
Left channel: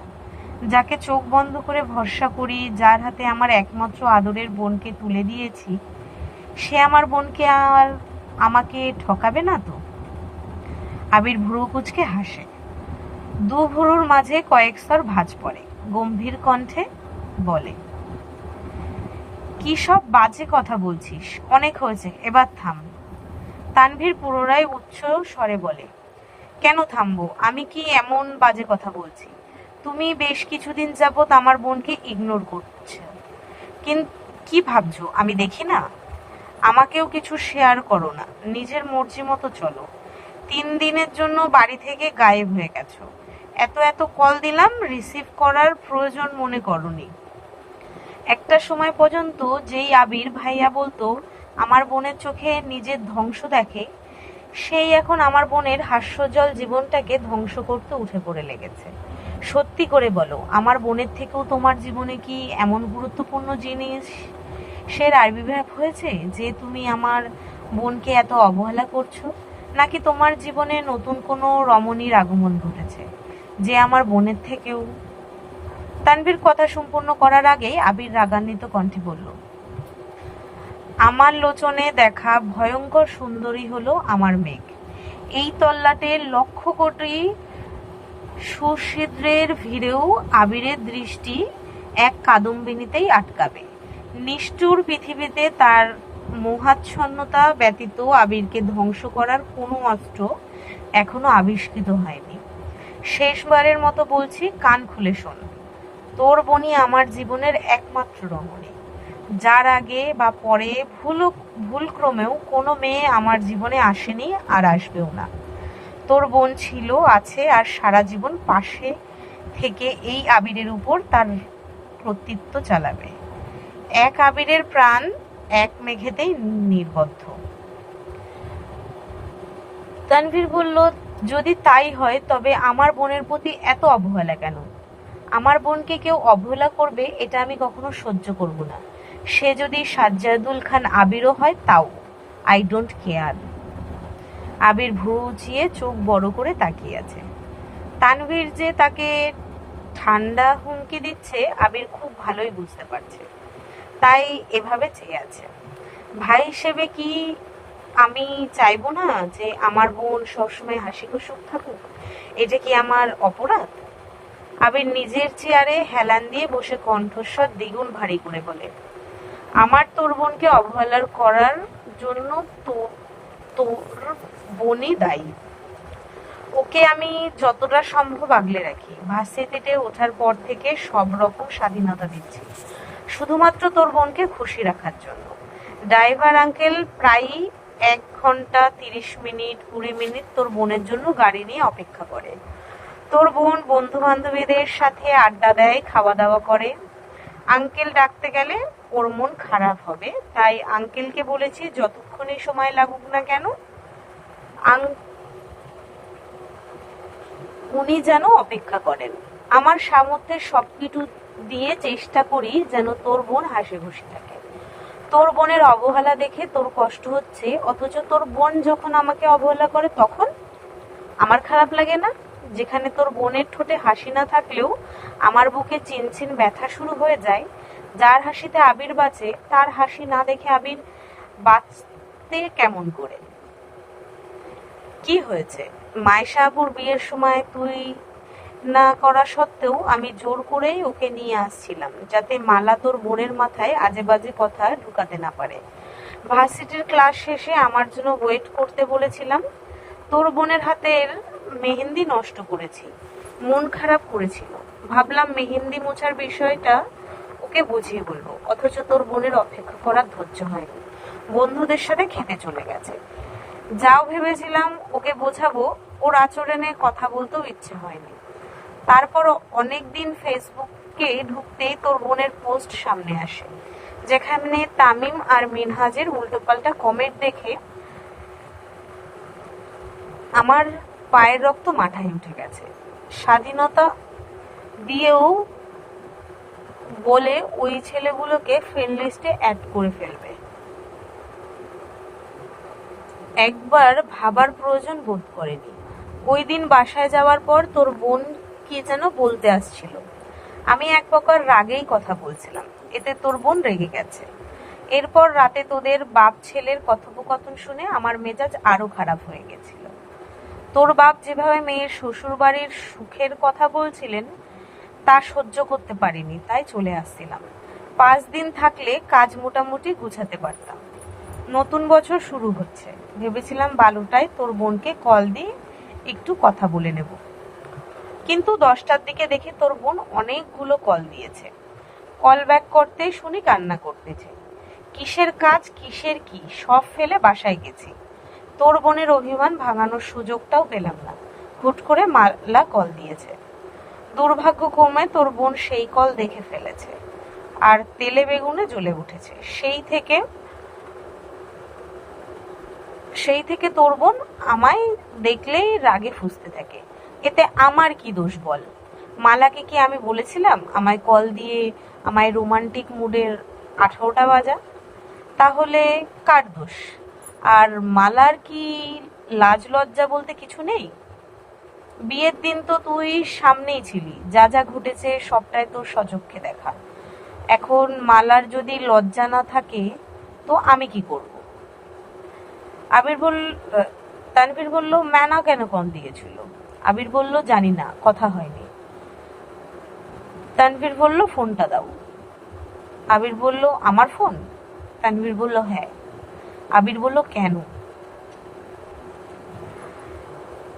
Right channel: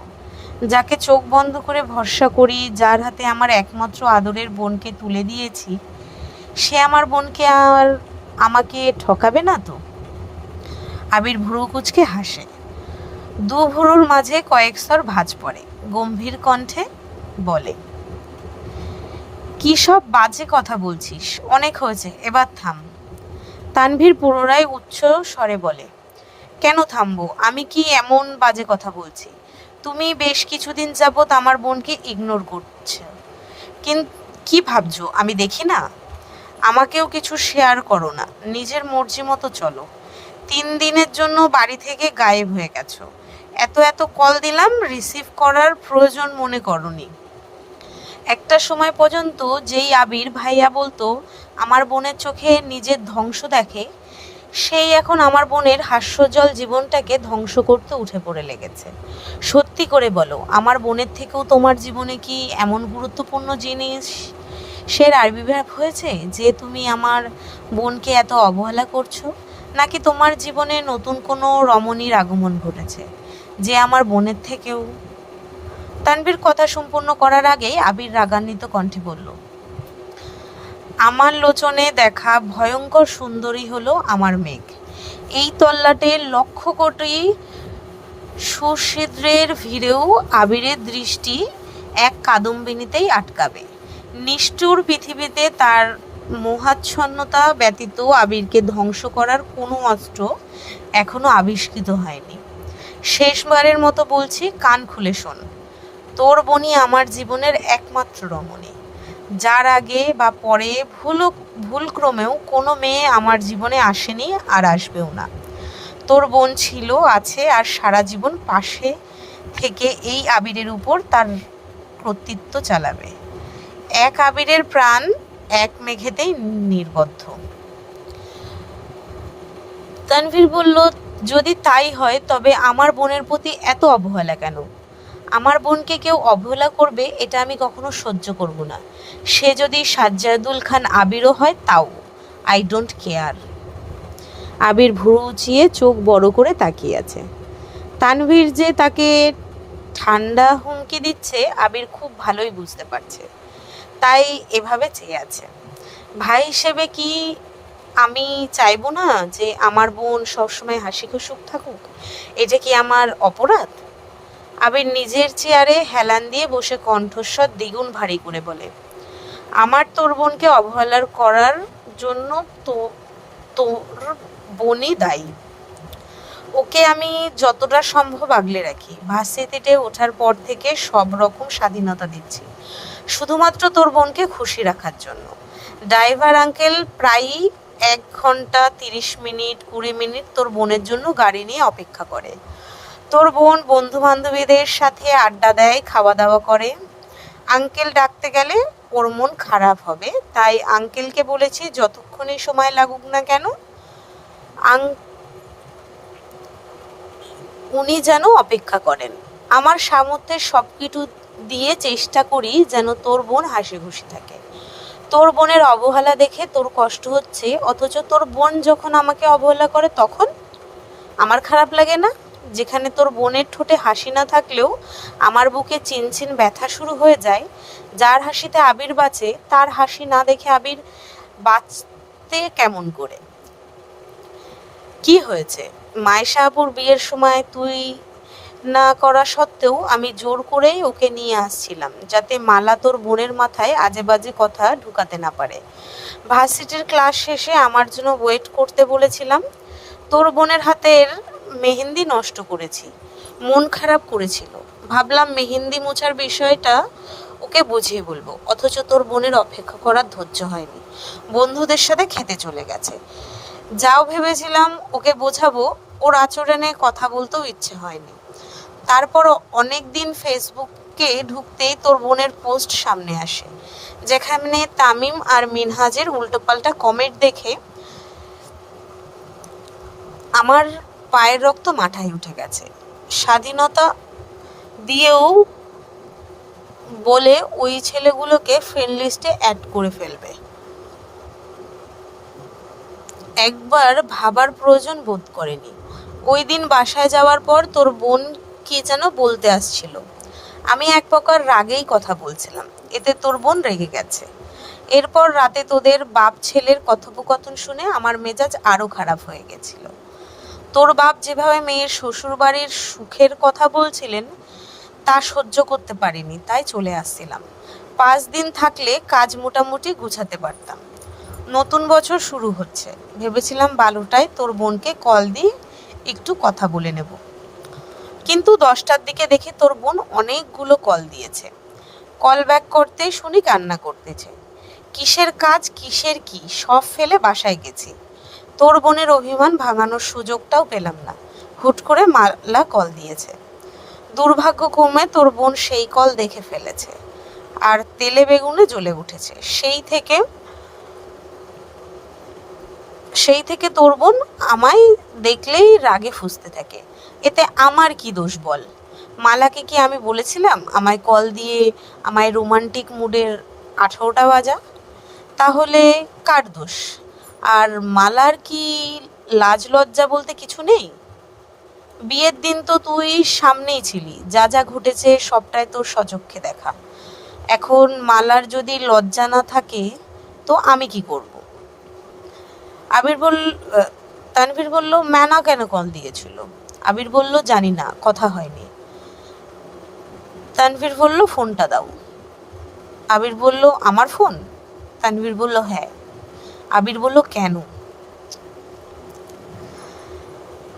যাকে চোখ বন্ধ করে ভরসা করি, যার হাতে আমার একমাত্র আদরের বোনকে তুলে দিয়েছি, সে আমার বোনকে আর আমাকে ঠকাবে না তো? আবির ভ্রু কুঁচকে হাসে। 2 ভ্রুর মাঝে কয়েক স্তর ভাঁজ পড়ে। গম্ভীর কণ্ঠে বলে, কি সব বাজে কথা বলছিস, অনেক হয়েছে, এবার থাম। তানভীর পুনরায় উচ্চ স্বরে বলে, কেন থামবো? আমি কি এমন বাজে কথা বলছি? তুমি বেশ কিছুদিন যাবৎ আমার বোনকে ইগনোর করছো, কিন্তু কি ভাবছো আমি দেখি না? আমাকেও কিছু শেয়ার করো না, নিজের মর্জি মতো চলো। 3 দিনের জন্য বাড়ি থেকে গায়েব হয়ে গেছো। এত এত কল দিলাম, রিসিভ করার প্রয়োজন মনে করনি। একটা সময় পর্যন্ত যেই আবির ভাইয়া বলতো আমার বোনের চোখে নিজের ধ্বংস দেখে, সেই এখন আমার বোনের হাস্যজ্জ্বল জীবনটাকে ধ্বংস করতে উঠে পড়ে লেগেছে। সত্যি করে বলো, আমার বোনের থেকেও তোমার জীবনে কি এমন গুরুত্বপূর্ণ জিনিস সের আবির্ভাব হয়েছে যে তুমি আমার বোনকে এত অবহেলা করছো? নাকি তোমার জীবনে নতুন কোনো রমণীর আগমন ঘটেছে যে আমার বোনের থেকেও? তানভীর কথা সম্পূর্ণ করার আগেই আবির রাগান্বিত কণ্ঠে বলল, আমার লোচনে দেখা ভয়ঙ্কর সুন্দরী হলো আমার মেঘ। এই তল্লাটে লক্ষ কোটি সুছিদ্রের ভিড়েও আবিরের দৃষ্টি এক কাদম্বিনীতেই আটকাবে। নিষ্ঠুর পৃথিবীতে তার মোহাচ্ছন্নতা ব্যতীত আবিরকে ধ্বংস করার কোনো অস্ত্র এখনো আবিষ্কৃত হয়নি। শেষবারের মতো বলছি, কান খুলে শোন। তোর বোনই আমার জীবনের একমাত্র রমণী, যার আগে বা পরে ভুলক্রমেও কোনো মেয়ে আমার জীবনে আসেনি আর আসবেও না। তোর বোন ছিল, আছে আর সারা জীবন পাশে থেকে এই আবিরের উপর তার কর্তৃত্ব চালাবে। এক আবিরের প্রাণ এক মেঘেতেই নির্বদ্ধ। তানভীর বলল, যদি তাই হয় তবে আমার বোনের প্রতি এত অবহেলা কেন? আমার বোনকে কেউ অবহেলা করবে এটা আমি কখনো সহ্য করব না। সে যদি সাজ্জাদুল খান আবিরও হয় তাও, আই ডোন্ট কেয়ার। আবির ভুরু উঁচিয়ে চোখ বড় করে তাকিয়ে আছে। তানভীর যে তাকে ঠান্ডা হুমকি দিচ্ছে আবির খুব ভালোই বুঝতে পারছে, তাই এভাবে চেয়ে আছে। ভাই হিসেবে কি আমি চাইবো না যে আমার বোন সবসময় হাসি খুশি থাকুক? এটা কি আমার অপরাধ? আবির নিজের চেয়ারে হেলান দিয়ে বসে কণ্ঠস্বর দ্বিগুণ ভারী করে বলে, আমার তোর বোনকে অবহেলা করার জন্য তোর বোনই দায়ী। ওকে আমি যতটা সম্ভব আগলে রাখি। ভার্সিটিতে ওঠার পর থেকে সব রকম স্বাধীনতা দিচ্ছি শুধুমাত্র তোর বোনকে খুশি রাখার জন্য। ড্রাইভার আঙ্কেল প্রায়ই 1 ঘন্টা 30 মিনিট 20 মিনিট তোর বোনের জন্য গাড়ি নিয়ে অপেক্ষা করে। তোর বোন বন্ধু বান্ধবীদের সাথে আড্ডা দেয়, খাওয়া দাওয়া করে। আঙ্কেল ডাকতে গেলে ওর মন খারাপ হবে, তাই আঙ্কেলকে বলেছি যতক্ষণই সময় লাগুক না কেন উনি যেন অপেক্ষা করেন। আমার সামর্থ্যের সবকিছু দিয়ে চেষ্টা করি যেন তোর বোন হাসি খুশি থাকে। তোর বোনের অবহেলা দেখে তোর কষ্ট হচ্ছে, অথচ তোর বোন যখন আমাকে অবহেলা করে তখন আমার খারাপ লাগে না? যেখানে তোর বোনের ঠোঁটে হাসি না থাকলেও আমার বুকে চিনচিন ব্যথা শুরু হয়ে যায়। যার হাসিতে আবির বাঁচে তার হাসি না দেখে আবির বাঁচতে কেমন করে? কি হয়েছে? মায়েশা আপুর বিয়ের সময় তুই না করা সত্ত্বেও আমি জোর করেই ওকে নিয়ে আসছিলাম যাতে মালা তোর বোনের মাথায় আজে বাজে কথা ঢুকাতে না পারে। ভার্সিটির ক্লাস শেষে আমার জন্য ওয়েট করতে বলেছিলাম। তোর বোনের হাতের মেহেন্দি নষ্ট করেছি, মন খারাপ করেছিল। ভাবলাম মেহেন্দি মোছার বিষয়টা ওকে বুঝিয়ে বলবো, অথচ তোর বোনের অপেক্ষা করার ধৈর্য হয়নি। বন্ধুদের সাথে খেতে চলে গেছে। যাও ভেবেছিলাম ওকে বোঝাবো, ওর আচরণে কথা বলতেও ইচ্ছে হয়নি। তারপর অনেক দিন ফেসবুকে ঢুকতেই তোর বোনের পোস্ট সামনে আসে, যেখানে তামিম আর মিনহাজের উল্টোপাল্টা কমেন্ট দেখে আমার পায়ের রক্ত মাথায় উঠে গেছে। স্বাধীনতা দিয়েও বলে ওই ছেলেগুলোকে ফ্রেন্ড লিস্টে অ্যাড করে ফেলবে। একবার ভাবার প্রয়োজন বোধ করেনি। ওই দিন বাসায় যাওয়ার পর তোর বোন কি যেন বলতে আসছিল, আমি এক প্রকার রাগেই কথা বলছিলাম, এতে তোর বোন রেগে গেছে। এরপর রাতে তোদের বাপ ছেলের কথোপকথন শুনে আমার মেজাজ আরো খারাপ হয়ে গেছিল। তোর বাপ যেভাবে মেয়ের শ্বশুর বাড়ির সুখের কথা বলছিলেন তা সহ্য করতে পারিনি, তাই চলে আসছিলাম। 5 দিন থাকলে কাজ মোটামুটি গুছাতে পারতাম। নতুন বছর শুরু হচ্ছে, ভেবেছিলাম বালুটায় তোর বোনকে কল দিয়ে একটু কথা বলে নেব, কিন্তু 10টার দিকে দেখি তোর বোন অনেকগুলো কল দিয়েছে। কল ব্যাক করতেই শুনি কান্না করতেছে। কিসের কাজ কিসের কি সব ফেলে বাসায় গেছি। তোর বোনের অভিমান ভাঙানোর সুযোগটাও পেলাম না। হুট করে মালা কল দিয়েছে। দুর্ভাগ্যক্রমে তোর বোন সেই কল দেখে ফেলেছে আর তেলে বেগুনে জ্বলে উঠেছে। সেই থেকে সেই থেকে তোর বোন আমায় দেখলেই রাগে ফুঁসতে থাকে। এতে আমার কি দোষ বল? মালাকে কি আমি বলেছিলাম আমায় কল দিয়ে আমায় রোমান্টিক মুডের 18টা বাজা? তাহলে কার দোষ? আর মালার কি লাজ লজ্জা বলতে কিছু নেই? বিয়ের দিন তো তুই সামনেই ছিলি, যা যা ঘটেছে সবটাই তোর সচক্ষে দেখা। এখন মালার যদি লজ্জা না থাকে তো আমি কি করব? আবির বল তানভীর বলল, ম্যানা কেন কল দিয়েছিল? আবির বলল, জানি না, কথা হয়নি। তানভীর বলল, ফোনটা দাও। আবির বলল, আমার ফোন? তানভীর বলল, হ্যাঁ। আবির বলল, কেন?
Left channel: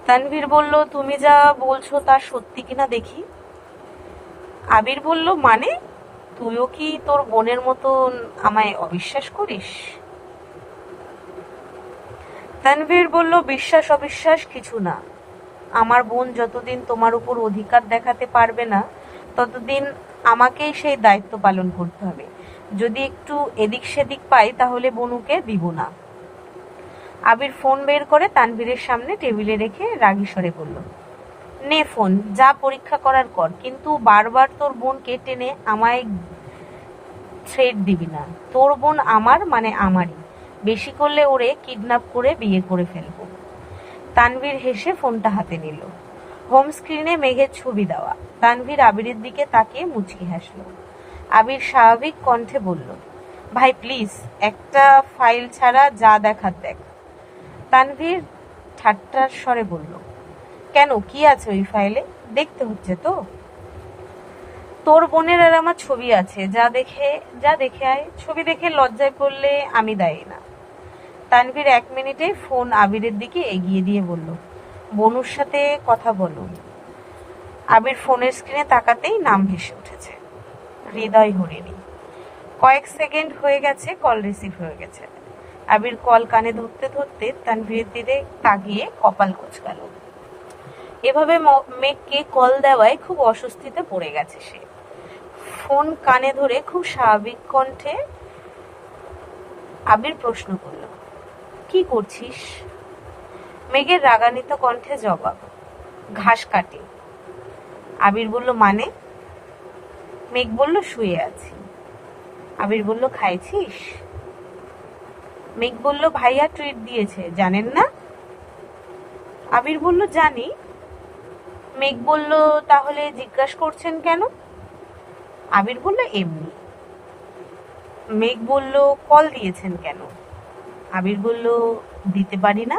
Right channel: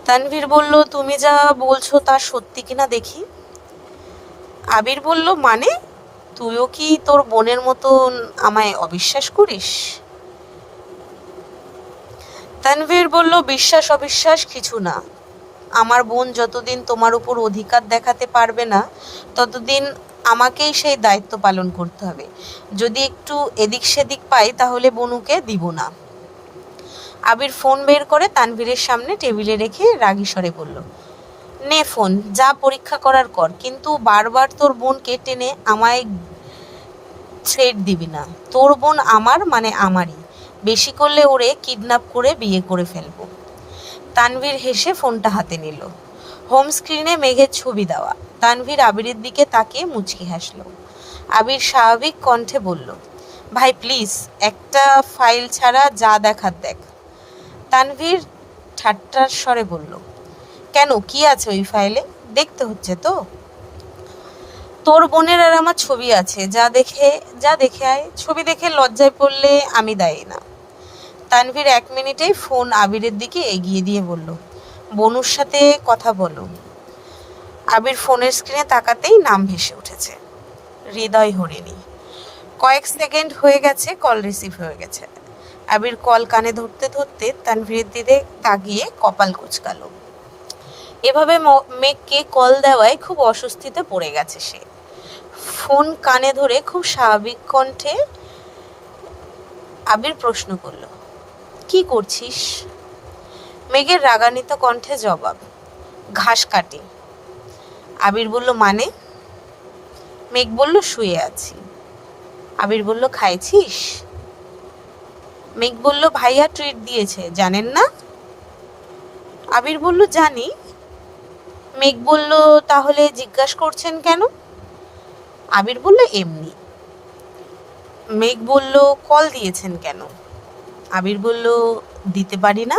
তানভীর বলল, তুমি যা বলছো তা সত্যি কিনা দেখি। আবির বলল, মানে তুইও কি তোর বোনের মতন আমায় অবিশ্বাস করিস? তানভীর বলল, বিশ্বাস অবিশ্বাস কিছু না। আমার বোন যতদিন তোমার উপর অধিকার দেখাতে পারবে না ততদিন আমাকেই সেই দায়িত্ব পালন করতে হবে। যদি একটু এদিক সেদিক পাই তাহলে বনুকে দিব না। আবির ফোন বের করে তানভীরের সামনে টেবিলে রেখে রাগী স্বরে বলল, নে ফোন, যা পরীক্ষা করার কর, কিন্তু বারবার তোর বোনকে টেনে আমায় থ্রেট দিবি না। তোর বোন আমার মানে আমারই, বেশি করলে ওরে কিডন্যাপ করে বিয়ে করে ফেলবো। তানভীর হেসে ফোনটা হাতে নিল। হোম স্ক্রিনে মেঘের ছবি দেওয়া। তানভীর আবিরের দিকে তাকিয়ে মুচকি হাসল। আবির স্বাভাবিক কণ্ঠে বলল, ভাই প্লিজ, একটা ফাইল ছাড়া যা দেখার দেখ। তানভীর ঠাট্টার স্বরে বলল, কেন, কি আছে ওই ফাইলে? দেখতে হচ্ছে তো। তোর বোনের আর আমার ছবি আছে, যা দেখে আয়। ছবি দেখে লজ্জায় পড়লে আমি দায়ী না। তানভীর 1 মিনিটেই ফোন আবিরের দিকে এগিয়ে দিয়ে বলল, বনুর সাথে কথা বলো। আবির ফোনের স্ক্রিনে তাকাতেই নাম ভেসে উঠেছে, হৃদয় হরিণী। কয়েক সেকেন্ড হয়ে গেছে, কল রিসিভ হয়ে গেছে। আবির কল কানে ধরতে ধরতে তানভীরের দিকে তাকিয়ে কপাল কুঁচকালো। এভাবে মেঘকে কল দেওয়ায় খুব অস্বস্তিতে পড়ে গেছে সে। ফোন কানে ধরে খুব স্বাভাবিক কণ্ঠে আবির প্রশ্ন করল, কি করছিস? মেঘের রাগান্বিত কণ্ঠে জবাব, ঘাস কাটি। আবির বলল, মানে? মেঘ বলল, শুয়ে আছি। আবির বলল, খাইছিস? মেঘ বলল, ভাইয়া ট্রিট দিয়েছে, জানেন না? আবির বলল, জানি। মেঘ বলল, তাহলে জিজ্ঞাসা করছেন কেন? আবির বলল, এমনি। মেঘ বলল, কল দিয়েছেন কেন? আবির বলল, দিতে পারি না।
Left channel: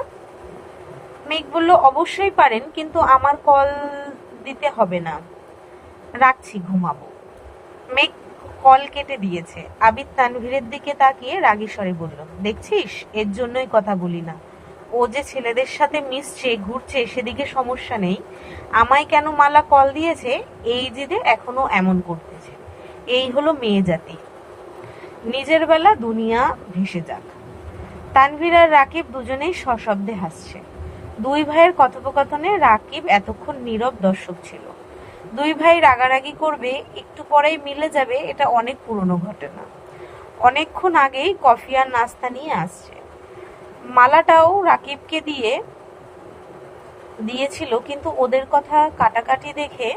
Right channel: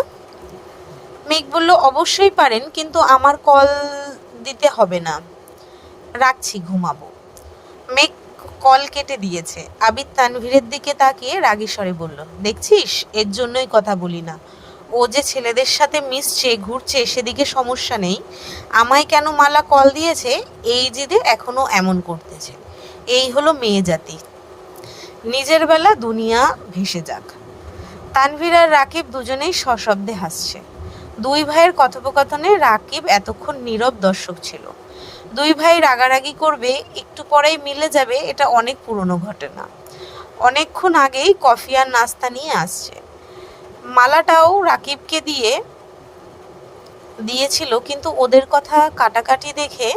মেঘ বলল, অবশ্যই পারেন, কিন্তু আমার কল দিতে হবে না, রাখছি, ঘুমাবো। মেঘ কল কেটে দিয়েছে। আবির তানভীরের দিকে তাকিয়ে রাগী স্বরে বলল, দেখছিস, এর জন্যই কথা বলি না। ও যে ছেলেদের সাথে মিশছে, ঘুরছে, সেদিকে সমস্যা নেই। আমায় কেন মালা কল দিয়েছে এই জেদে এখনো এমন করতেছে। এই হলো মেয়ে জাতি। নিজের বেলা দুনিয়া ভেসে যাক। তানভীর আর রাকিব দুজনেই সশব্দে হাসছে। দুই ভাইয়ের কথোপকথনে রাকিব এতক্ষণ নীরব দর্শক ছিল। দুই ভাই রাগারাগি করবে, একটু পরেই মিলে যাবে, এটা অনেক পুরনো ঘটনা। অনেকক্ষণ আগেই কফি আর নাস্তা নিয়ে আসছে। মালাটাও রাকিবকে দিয়েছিল, কিন্তু ওদের কথা কাটাকাটি দেখে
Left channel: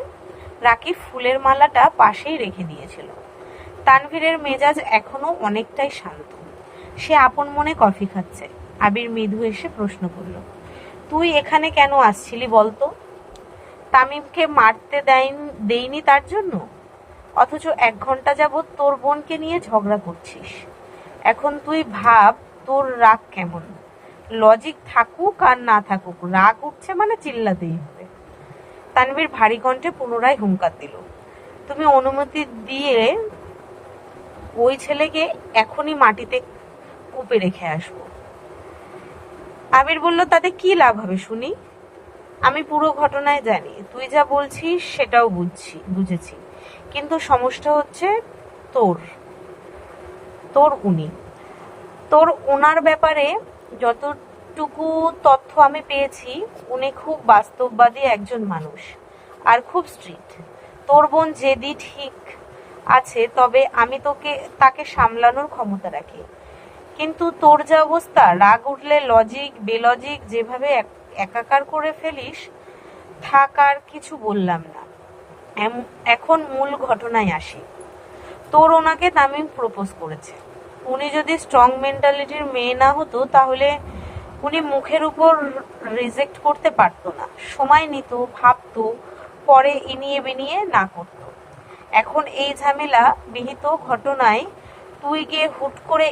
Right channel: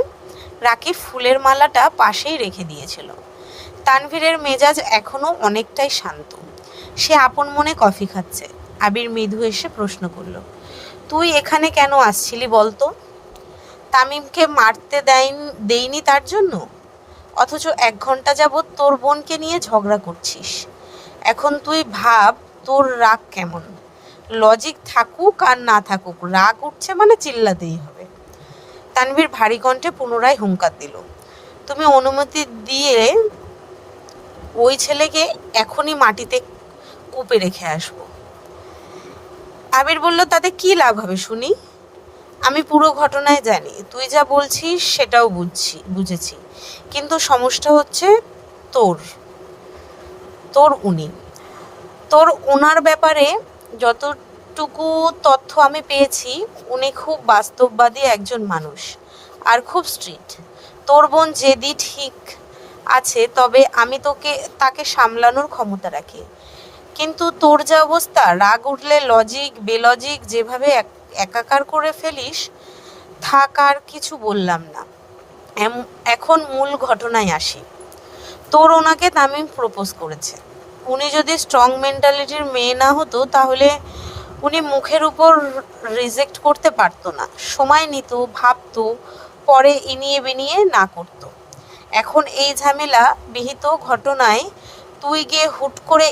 রাকিব ফুলের মালাটা পাশেই রেখে দিয়েছিল। তানভীরের মেজাজ এখনো অনেকটাই শান্ত। সে আপন মনে কফি খাচ্ছে। আবির মৃদু এসে প্রশ্ন করল, তুই এখানে কেন আসছিলি বলতো? তামিমকে মারতে দেয়নি তার জন্য? অথচ 1 ঘন্টা যাবৎ তোর বোনকে নিয়ে ঝগড়া করছিস। এখন তুই ভাব তোর রাগ কেমন। লজিক থাকুক আর না থাকুক, রাগ উঠছে মানে চিল্লাতেই হবে। তানভীর ভারী কণ্ঠে পুনরায় হুঙ্কার দিল, তুমি অনুমতি দিয়ে ওই ছেলেকে এখনই মাটিতে কূপে রেখে আসবো। আবির বলল, তাতে কি লাভ হবে শুনি? আমি পুরো ঘটনায় জানি, তুই যা বলছিস সেটাও বুঝেছি, কিন্তু সমস্যা হচ্ছে তোর ওনার ব্যাপারে যতটুকু তথ্য আমি পেয়েছি, উনি খুব বাস্তববাদী একজন মানুষ আর খুব স্ট্রিক্ট। তোর বোন যেদি ঠিক আছে, তবে আমি তাকে সামলানোর ক্ষমতা রাখি, কিন্তু তোর যা অবস্থা, রাগ উঠলে লজিক বেলজিক যেভাবে একাকার করে ফেলিস, থাক আর কিছু বললাম না। এখন মূল ঘটনায় আসি। তোর ওনাকে তামিম প্রপোজ করেছে। উনি যদি স্ট্রং মেন্টালিটির মেয়ে না হতো তাহলে উনি মুখের উপর রিজেক্ট করতে পারতো না, সময় নিত, ভাবতো, পরে ইনিয়ে বিনিয়ে না করতো। এখন এই ঝামেলা বিহিত ঘটনায় তুই গিয়ে হুট করে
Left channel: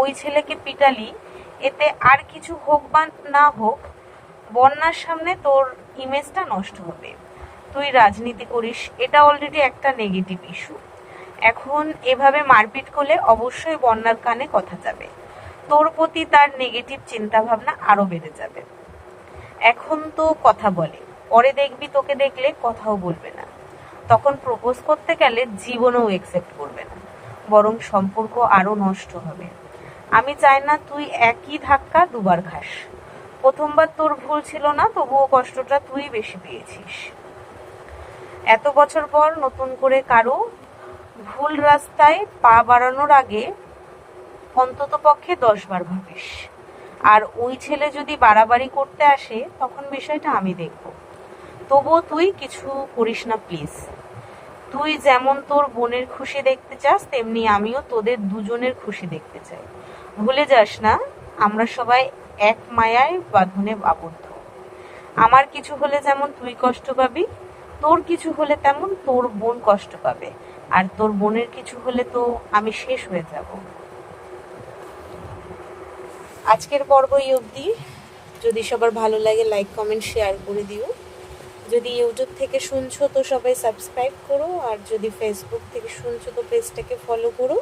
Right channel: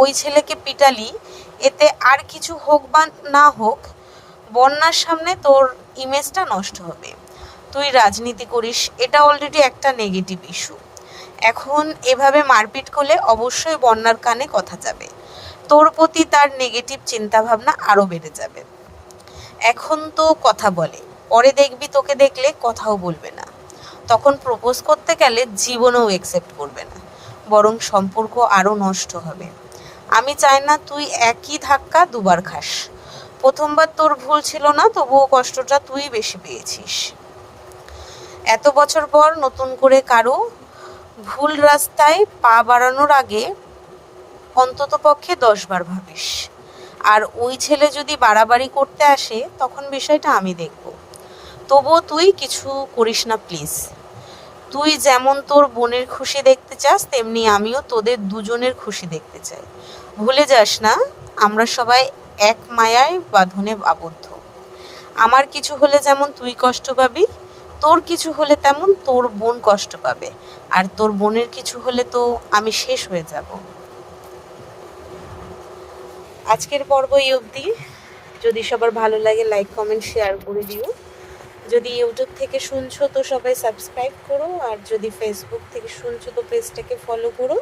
ওই ছেলেকে পিটালি, এতে আর কিছু হোক বা না হোক বন্যার সামনে তোর ইমেজটা নষ্ট হবে। তুই রাজনীতি করিস, এটা অলরেডি একটা নেগেটিভ ইস্যু। এখন এভাবে মারপিট করলে অবশ্যই বন্যার কানে কথা যাবে, তোর প্রতি তার নেগেটিভ চিন্তাভাবনা আরও বেড়ে যাবে। এখন তো কথা বলে, পরে দেখবি তোকে দেখলে কথাও বলবে না। তখন প্রপোজ করতে গেলে জীবনেও অ্যাকসেপ্ট করবে না, বরং সম্পর্ক আরও নষ্ট হবে। আমি চাই না তুই একই ধাক্কা দুবার খাস। প্রথমবার তোর ভুল ছিল না, তবুও কষ্টটা তুই বেশি পেয়েছিস। এত বছর পর নতুন করে কারো ভুল রাস্তায় পা বাড়ানোর আগে অন্তত পক্ষে 10 বার ভাবিস। আর ওই ছেলে যদি বাড়াবাড়ি করতে আসে তখন বিষয়টা আমি দেখব। তবুও তুই কিছু করিস না প্লিজ। তুই যেমন তোর বোনের খুশি দেখতে চাস, তেমনি আমিও তোদের দুজনের খুশি দেখতে চাই। ভুলে যাস না, আমরা সবাই এক মায়ায় বাঁধনে আবদ্ধ। আমার কিছু হলে যেমন তুই কষ্ট পাবি, তোর কিছু হলে তেমন তোর বোন কষ্ট পাবে, আর তোর বোনের কিছু হলে তো আমি শেষ হয়ে যাব। আজকের পর্ব এই অবধি। যদি সবার ভালো লাগে লাইক কমেন্ট শেয়ার করে দিও। যদি ইউটিউব থেকে শুনছো তো সবাই সাবস্ক্রাইব করো, আর যদি ফেসবুক থেকে শুনছো তো পেজটাকে ফলো করো।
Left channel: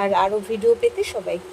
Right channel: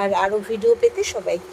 আর আরও ভিডিও পেতে সবাই একটু